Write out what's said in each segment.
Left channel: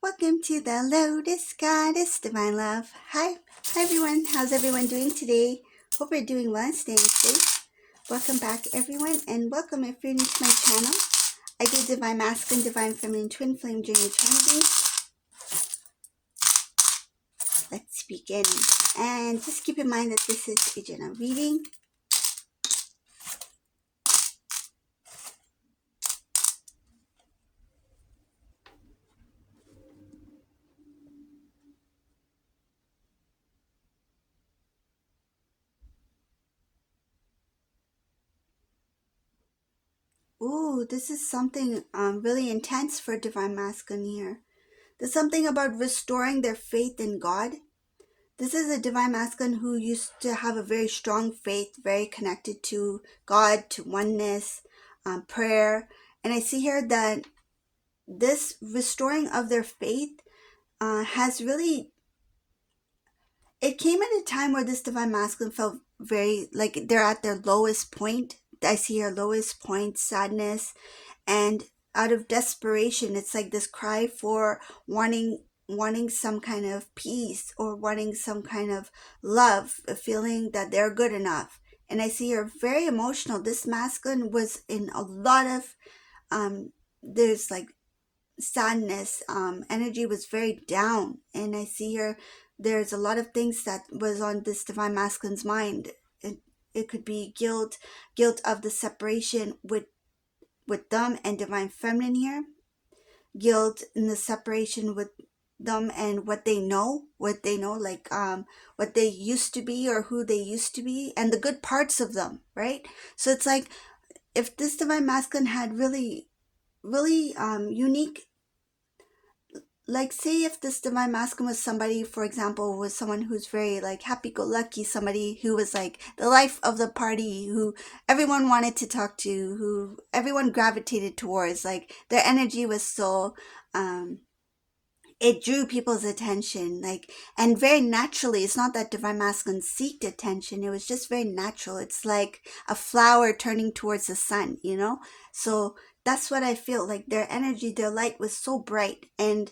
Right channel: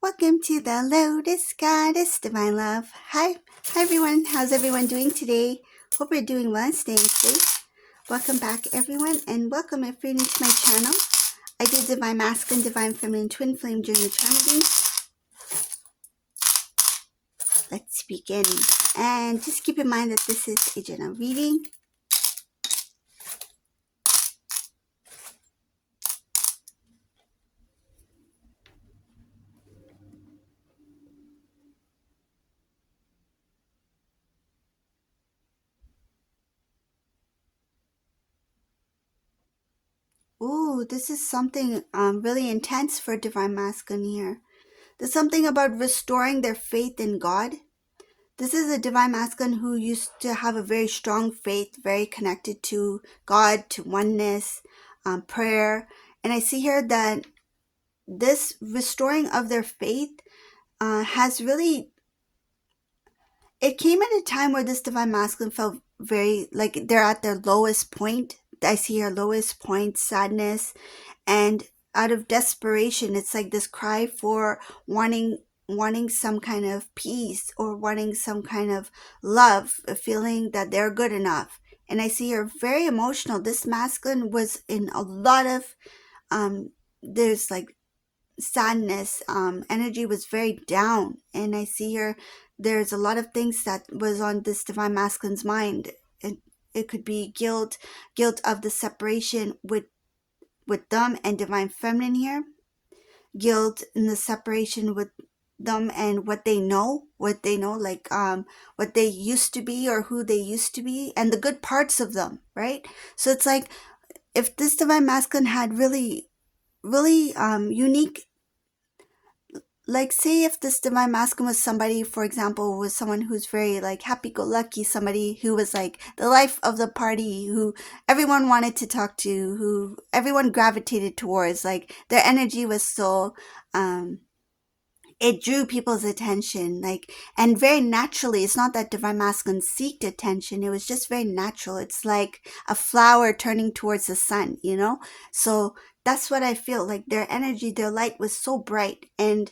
Welcome to the Lotus Goddess Divine Love. Hi everyone. How's everyone doing today? Hope you're doing well and staying safe. Welcome back everyone, and welcome if you're new to my channel. I do Divine Masculine, Divine Feminine, Twin Flame Journey Eternity. Let's begin. And just keep in mind that this is a general reading. Ooh, this is something really intense for Divine Masculine here. There's something about restoring their faith in God. This is a divine masculine who used to have a very strong faith, very connected to God, to oneness, prayer. And I see here that this restoring of their faith has really, it came at a time where this divine masculine felt very like they're at their lowest point. I see here lowest point, sadness, and out of desperation, it's like this cry for wanting some kind of peace or wanting some kind of love, a feeling that they're good enough. And I see her very emotional. This masculine was in a lot of there's like sadness, energy was very down, and I see her there's a lot of things that was on this divine masculine's mind. It could be guilt of the separation with them and divine feminine here, guilt in the separation with them and what they know, like what they used to be or who they used to be and the good parts of them, right? So it's like if this divine masculine had really unique, like say if this divine masculine was somebody, for example, was someone who's very like happy-go-lucky, somebody who was like the life of the party, who everyone wanted to talk to, who everyone gravitated towards, like their energy was so it drew people's attention, like, and very naturally. It's not that divine masculine seeked attention, it was just very natural. It's like a flower turning towards the sun. So that's what I feel like. Their energy, their light was so bright, and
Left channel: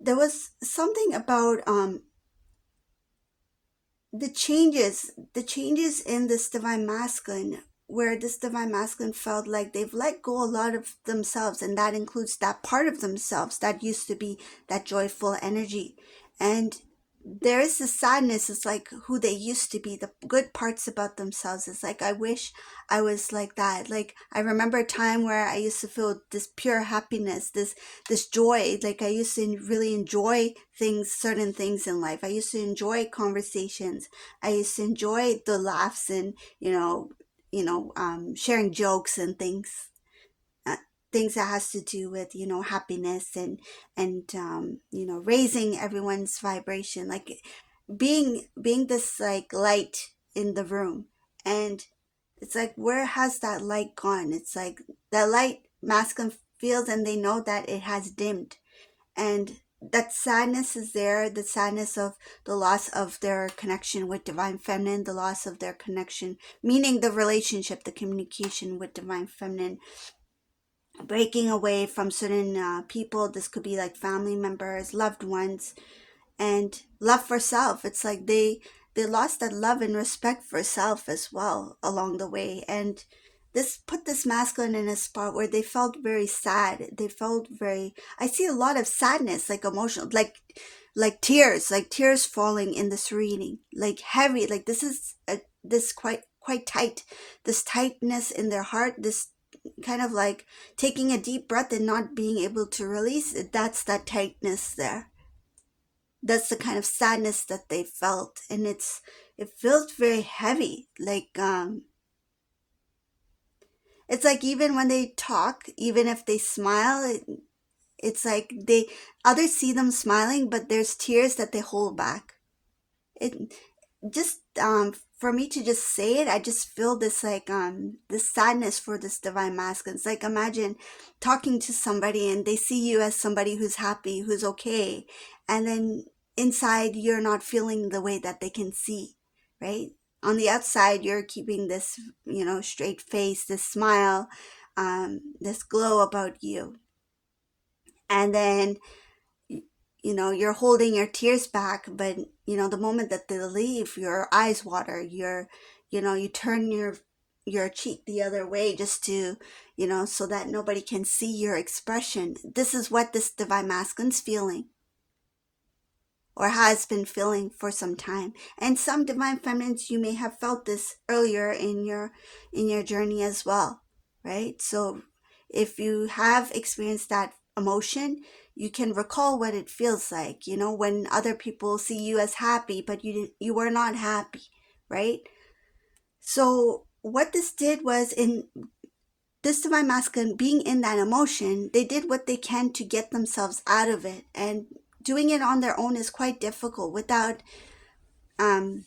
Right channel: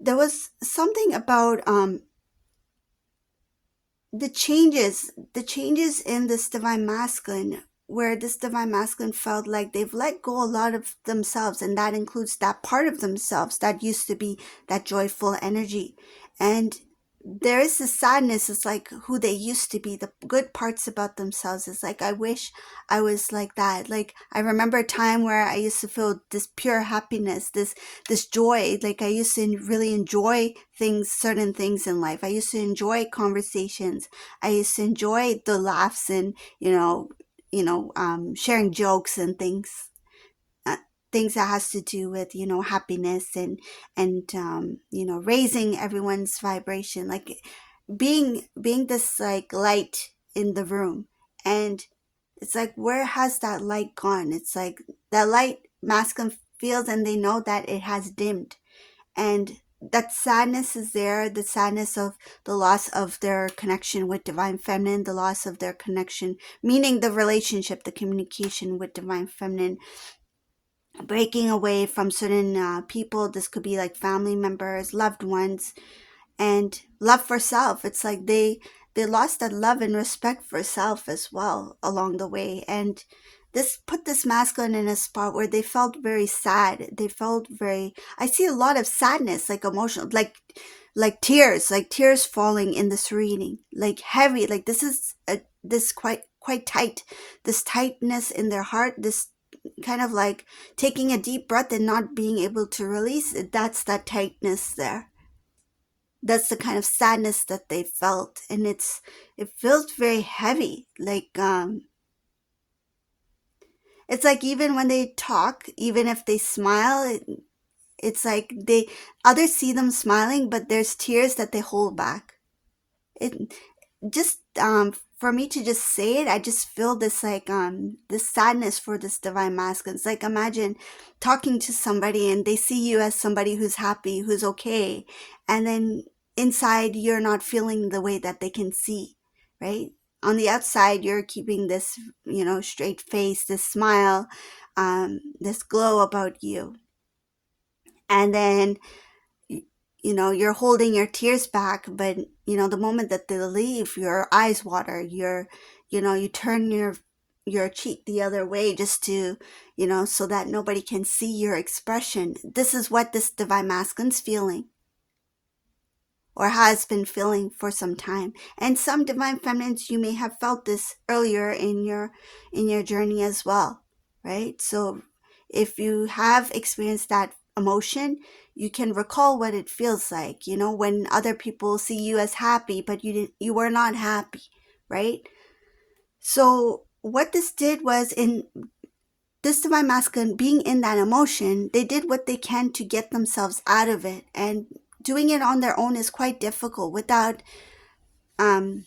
there was something about the changes in this divine masculine, where this divine masculine felt like they've let go a lot of themselves, and that includes that part of themselves that used to be that joyful energy. And there is a sadness. It's like who they used to be, the good parts about themselves. It's like I wish I was like that. Like I remember a time where I used to feel this pure happiness, this joy. Like I used to really enjoy things, certain things in life. I used to enjoy conversations. I used to enjoy the laughs and sharing jokes and uh, things that has to do with happiness and raising everyone's vibration, like being this like light in the room. And it's like, where has that light gone? It's like that light masculine feels, and they know that it has dimmed. And that sadness is there, the sadness of the loss of their connection with divine feminine, the loss of their connection, meaning the relationship, the communication with divine feminine, breaking away from certain people. This could be like family members, loved ones, and love for self. It's like they lost that love and respect for self as well along the way. And this put this masculine in a spot where they felt very sad. They felt very, I see a lot of sadness, like emotional, like tears falling in this reading, like heavy, like this is this quite tight, this tightness in their heart, this kind of like taking a deep breath and not being able to release it. That's that tightness there. That's the kind of sadness that they felt, and it felt very heavy. Like it's like even when they talk, even if they smile, it's like they others see them smiling, but there's tears that they hold back. It just for me to just say it, I just feel this like this sadness for this divine masculine. It's like imagine talking to somebody and they see you as somebody who's happy, who's okay, and then inside you're not feeling the way that they can see, right? On the outside you're keeping this straight face, this smile, this glow about you. and then you're holding your tears back, but the moment that they leave, your eyes water, you turn your cheek the other way just to so that nobody can see your expression. This is what this divine masculine's feeling, or has been feeling for some time. And some divine feminines, you may have felt this earlier in your journey as well, right? So if you have experienced that emotion, you can recall what it feels like, when other people see you as happy, but you were not happy, right? So what this did was, in this divine masculine being in that emotion, they did what they can to get themselves out of it, and doing it on their own is quite difficult um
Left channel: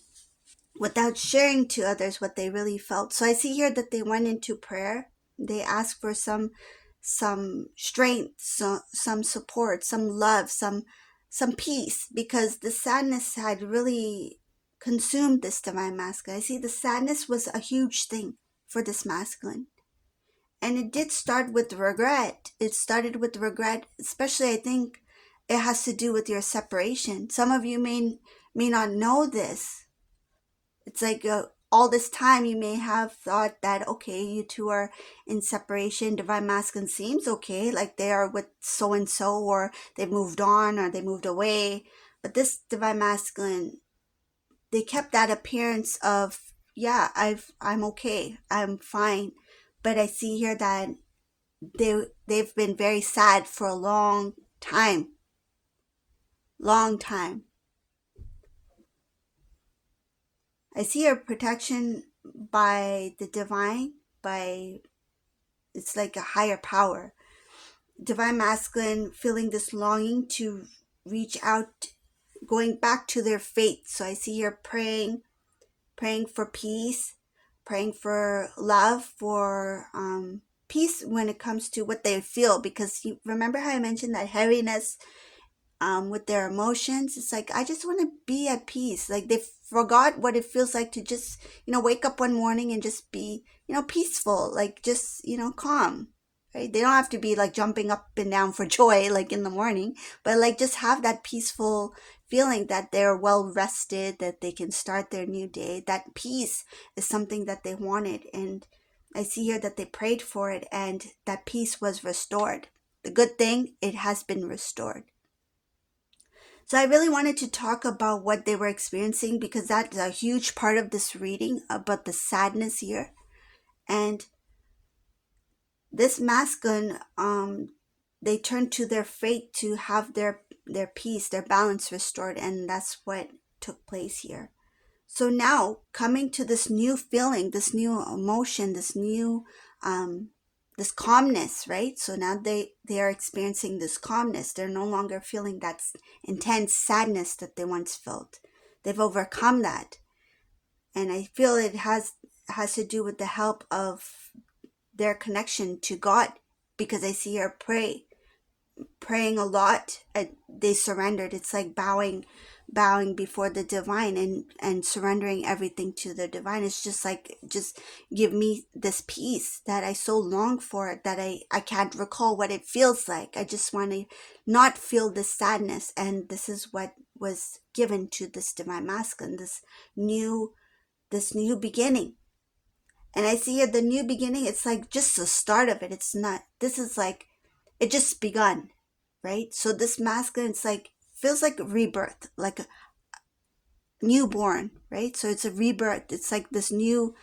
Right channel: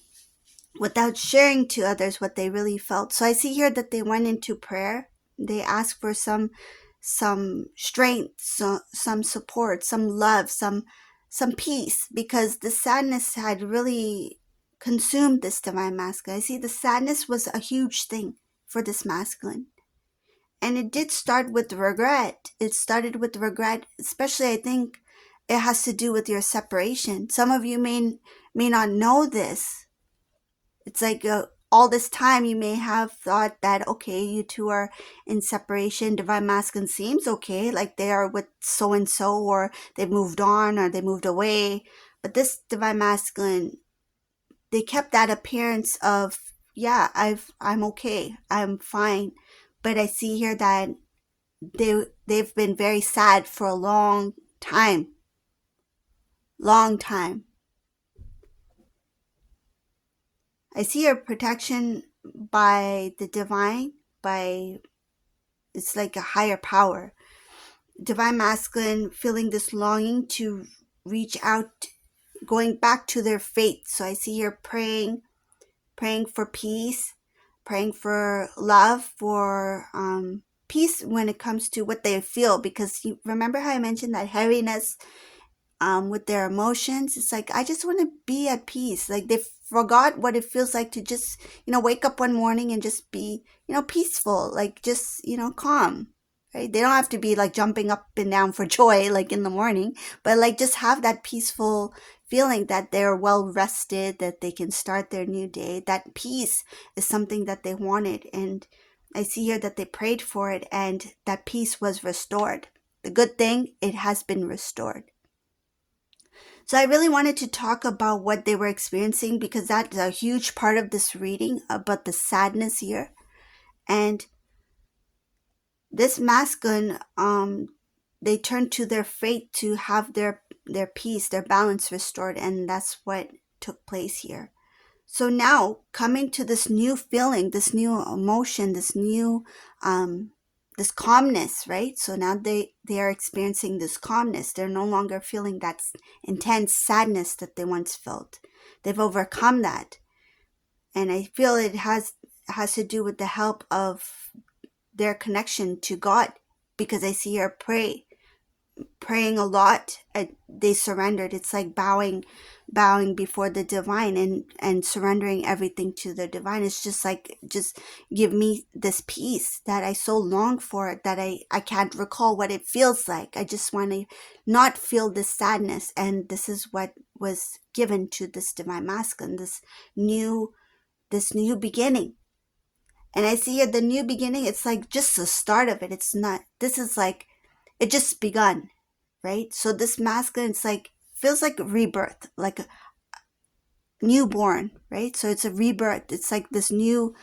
without sharing to others what they really felt. So I see here that they went into prayer. They asked for some strength, some support, some love, some peace, because the sadness had really consumed this divine masculine. I see the sadness was a huge thing for this masculine. And it did start with regret. It started with regret, especially I think it has to do with your separation. Some of you may not know this. It's like all this time you may have thought that, okay, you two are in separation. Divine masculine seems okay, like they are with so and so, or they've moved on, or they moved away. But this divine masculine, they kept that appearance of, yeah, I'm okay, I'm fine. But I see here that they've been very sad for a long time. Long time. I see a protection by the divine, by, it's like a higher power. Divine masculine feeling this longing to reach out, going back to their faith. So I see here praying for peace, praying for love, for peace when it comes to what they feel. Because you remember how I mentioned that heaviness with their emotions. It's like, I just want to be at peace. Like they forgot what it feels like to just, wake up one morning and just be, peaceful, like just, calm. Right? They don't have to be like jumping up and down for joy, like in the morning, but like just have that peaceful feeling that they're well rested, that they can start their new day. That peace is something that they wanted. And I see here that they prayed for it, and that peace was restored. The good thing, it has been restored. So I really wanted to talk about what they were experiencing, because that's a huge part of this reading, about the sadness here. And this masculine, they turned to their faith to have their peace, their balance restored, and that's what took place here. So now, coming to this new feeling, this new emotion, this new this calmness, right? So now they are experiencing this calmness. They're no longer feeling that intense sadness that they once felt. They've overcome that. And I feel it has to do with the help of their connection to God, because I see her praying a lot. They surrendered. It's like bowing before the divine, and surrendering everything to the divine. It's just like, just give me this peace that I so long for, that I can't recall what it feels like. I just want to not feel this sadness. And this is what was given to this divine masculine, this new beginning. And I see here the new beginning, it's like just the start of it. It's not, this is like, it just begun, right? So this masculine, it's like, feels like a rebirth, like a newborn, right? So it's a rebirth. It's like this new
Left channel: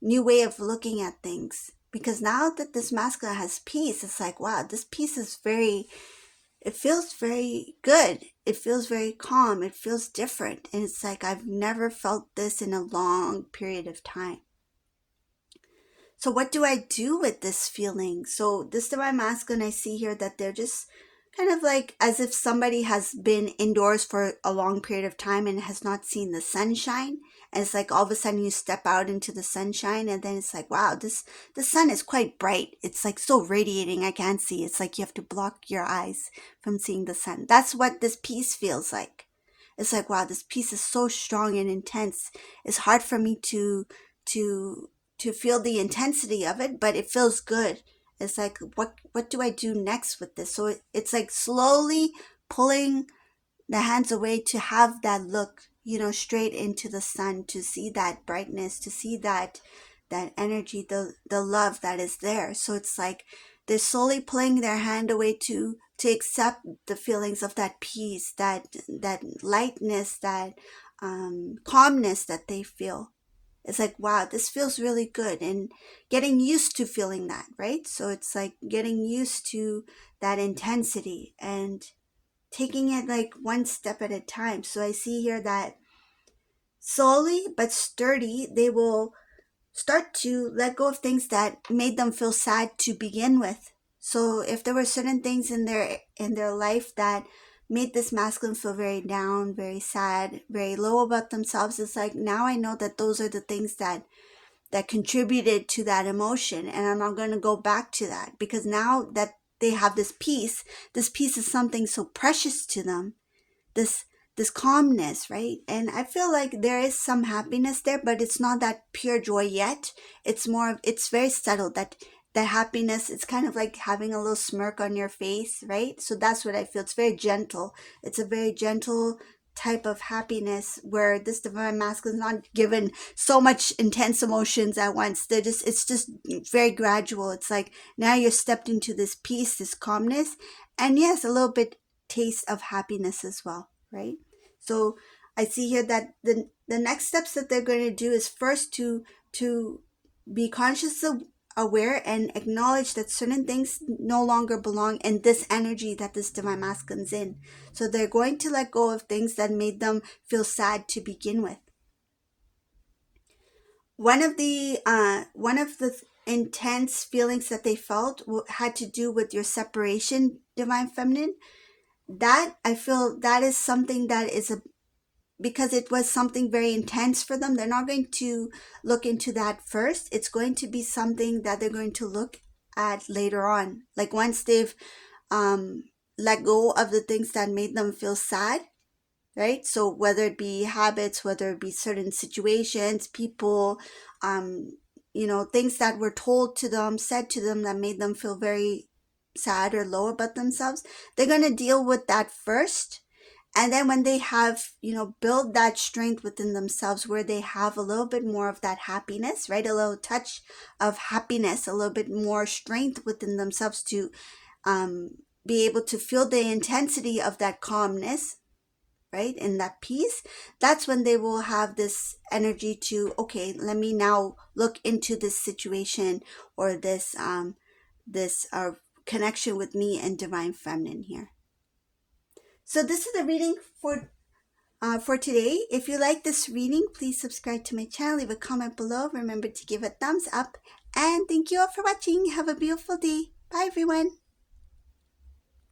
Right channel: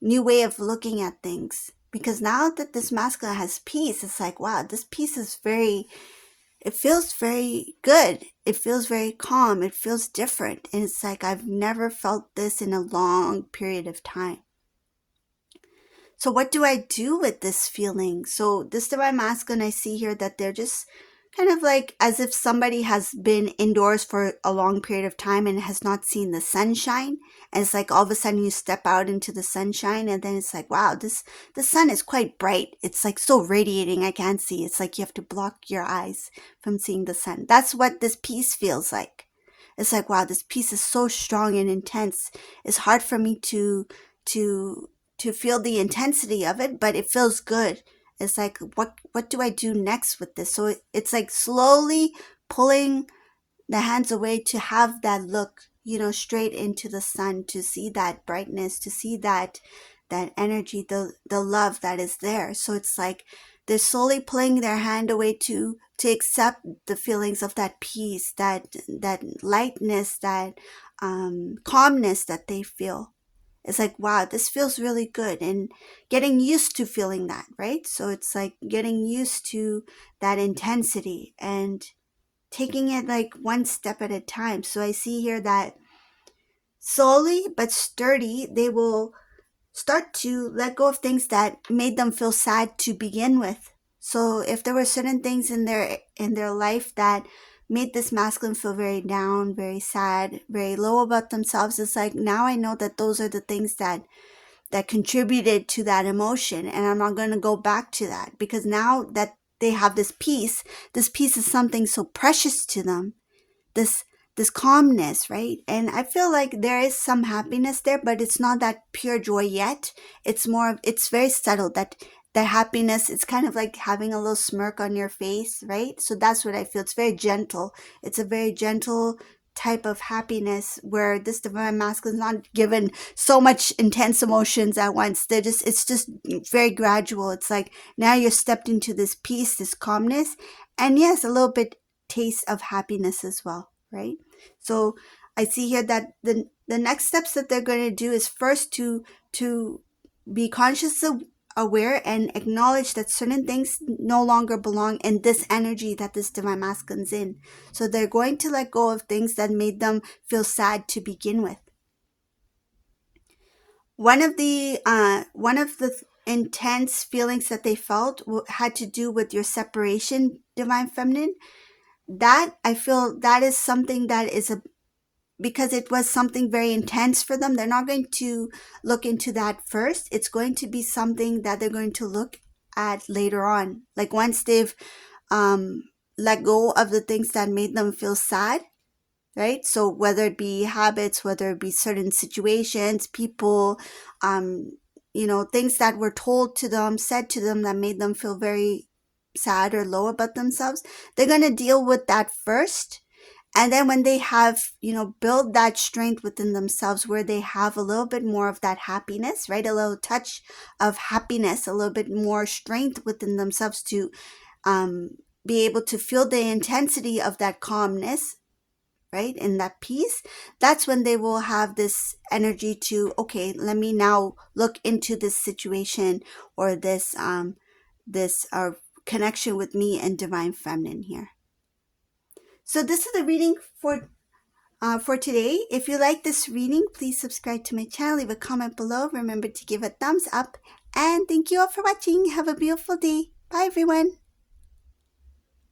way of looking at things. Because now that this masculine has peace, it's like, wow, this peace is it feels very good. It feels very calm. It feels different. And it's like, I've never felt this in a long period of time. So what do I do with this feeling? So this divine masculine, I see here that they're just kind of like as if somebody has been indoors for a long period of time and has not seen the sunshine. And it's like all of a sudden you step out into the sunshine, and then it's like, wow, the sun is quite bright. It's like so radiating, I can't see. It's like you have to block your eyes from seeing the sun. That's what this peace feels like. It's like, wow, this peace is so strong and intense. It's hard for me to feel the intensity of it, but it feels good. It's like, what do I do next with this? So it's like slowly pulling the hands away to have that look, straight into the sun, to see that brightness, to see that energy, the love that is there. So it's like they're slowly pulling their hand away to accept the feelings of that peace, that lightness, that calmness that they feel. It's like, wow, this feels really good, and getting used to feeling that, right? So it's like getting used to that intensity and taking it like one step at a time. So I see here that slowly but sturdy, they will start to let go of things that made them feel sad to begin with. So if there were certain things in their life that made this masculine feel very down, very sad, very low about themselves, it's like, now I know that those are the things that contributed to that emotion, and I'm not going to go back to that, because now that they have this peace is something so precious to them, this this calmness, right? And I feel like there is some happiness there, but it's not that pure joy yet. It's very subtle, that happiness. It's kind of like having a little smirk on your face, right? So that's what I feel. It's very gentle. It's a very gentle type of happiness, where this divine masculine is not given so much intense emotions at once. It's just very gradual. It's like, now you're stepped into this peace, this calmness, and yes, a little bit taste of happiness as well, right? So I see here that the next steps that they're going to do is first to be consciously aware and acknowledge that certain things no longer belong in this energy that this divine masculine's in. So they're going to let go of things that made them feel sad to begin with. One of the intense feelings that they felt had to do with your separation, divine feminine. That, I feel, that is something that is because it was something very intense for them. They're not going to look into that first. It's going to be something that they're going to look at later on. Like, once they've let go of the things that made them feel sad, right? So whether it be habits, whether it be certain situations, people, things that were told to them, said to them, that made them feel very sad or low about themselves, they're going to deal with that first. And then when they have, build that strength within themselves, where they have a little bit more of that happiness, right? A little touch of happiness, a little bit more strength within themselves to be able to feel the intensity of that calmness, right? And that peace. That's when they will have this energy to, okay, let me now look into this situation, or this connection with me and divine feminine here. So this is the reading for today. If you like this reading, please subscribe to my channel, leave a comment below, remember to give a thumbs up, and thank you all for watching. Have a beautiful day. Bye everyone.